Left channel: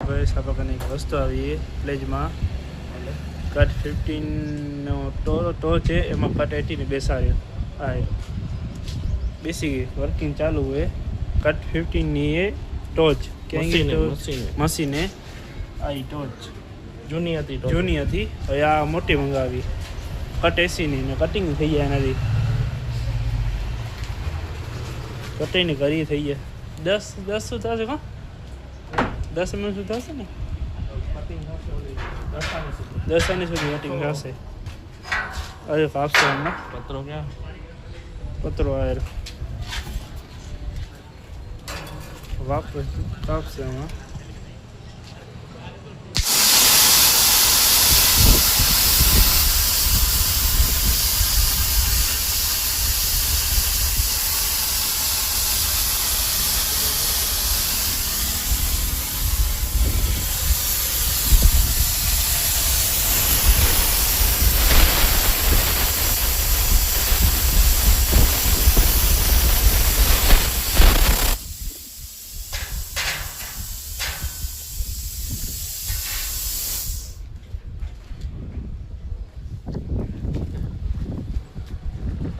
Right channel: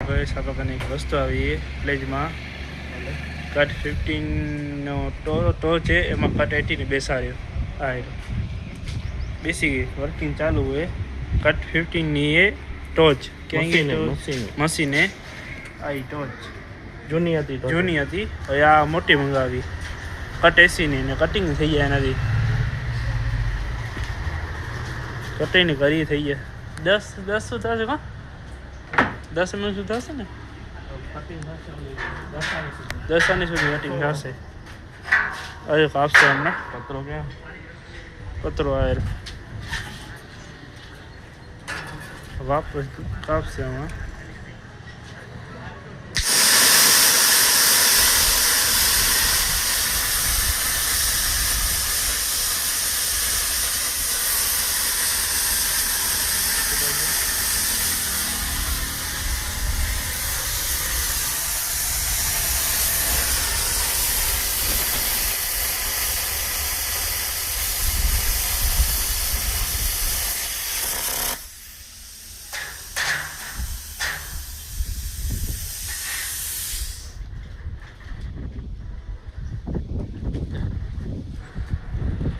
બસ આ પ્રકારની એક વસ્તુ આવી પ્લેજમાં કટ 15નો ટો છે, એમાં કટ 80 બેસાડ્યો. આ બેસી ગઈ, વર્કિંગ ચાલુ હોય. કટ 15ની એ ટોચ ક્યાં મશીને આ ટોચ જૂની હતી. હવે આ મોટી મંગાવી કટ 80ની ને કટિંગ થઈ જાય એનાથી. કટિંગ કરી થઈ જાય 10 શું થશે? 10 mm શું થશે ને? 10 આની સુધી કટિંગ થશે. હવે કાપશે હમણાં. પતરો આવ્યો વાપસ કાપશે હમણાં.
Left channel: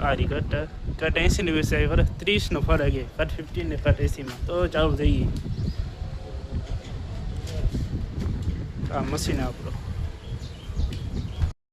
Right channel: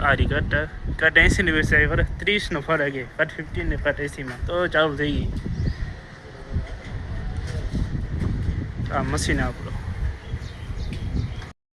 આ રી કટ 80ની બેસાડી ખરે 30નો ફરક છે. કટ 15 ને કટ 80માં તો ચાલુ થઈ ગઈ. આ મશીન આપણો